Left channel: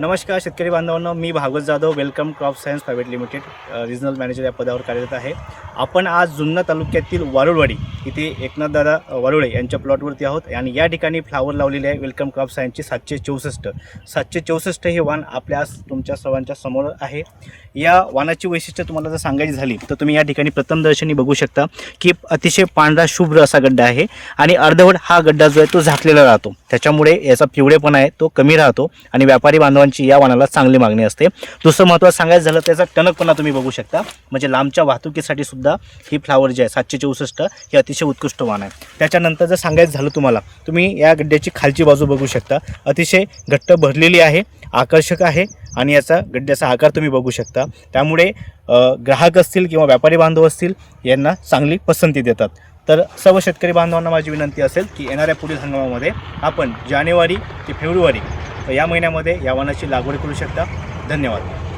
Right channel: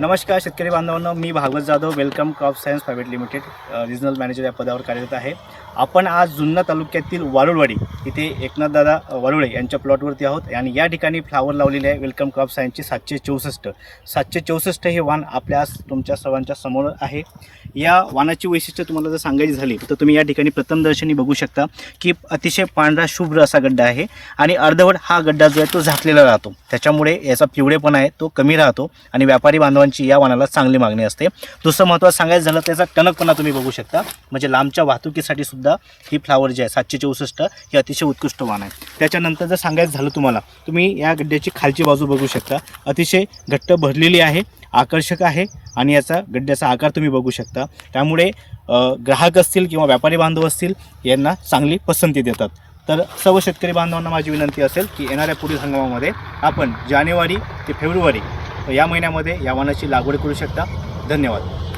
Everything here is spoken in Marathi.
नमस्कार शेतकरी बांधवांनो, मी Bhagwat Jadhav Welcome Crop Science Private Limited regional manager या पदावर कार्यरत आहे. आपण आज जुन्नर तालुक्यातील वारुळवाडी इथे एकनाथदादा वारुळे यांच्या प्लॉटवरती आहोत आणि या ठिकाणी फ्लावर लावलेले आहे वेलकम क्रॉप सायन्सची 764 हे वाण आपल्या तुमच्या सर्वांच्या समोर आहे. या वाणाची वैशिष्ट्य तुम्हाला जर सांगायची झाली तर तुम्ही या ठिकाणी प्रथमदर्शनी बघू शकता की अतिशय पांढरा शुभ्र असा गड्डा आहे आणि अर्धवट हा गड्डा जो आहे तो झाकलेला राहतो. त्याच्यामुळे याचा पिवळेपणा आहे तो कमी राहतो आणि व्यापारी बांधवांची या वाणाला चांगली मागणी असते. दुसरं महत्त्वाचं सांगायचं झालं त्याचा टणकपणा तुम्ही बघू शकता, म्हणजे लांबच्या वाहतुकीसाठी सुद्धा ही फ्लावर जे आहे 764 हे अतिशय उत्कृष्ट वाण आहे. त्याच्यानंतर जर सांगायचं झालं तुम्ही या गड्ड्याची खालची बाजू बघू शकता, अतिशय घट्ट भरलेली आहे, आकर्षक आहे आणि याचा गड्ड्याचा आकार तुम्ही बघू शकता. त्यामुळे ग्राहक असतील किंवा व्यापारी बांधव असतील यांना चांगली पसंती देतात. तर सर्व शेतकरी बांधवांना माझी विनंती असेल की येणाऱ्या पुढील हंगामामध्ये आपण जानेवारी ते फेब्रुवारी या महिन्यामध्ये या वाणाची लागवड करू शकता. धन्यवाद.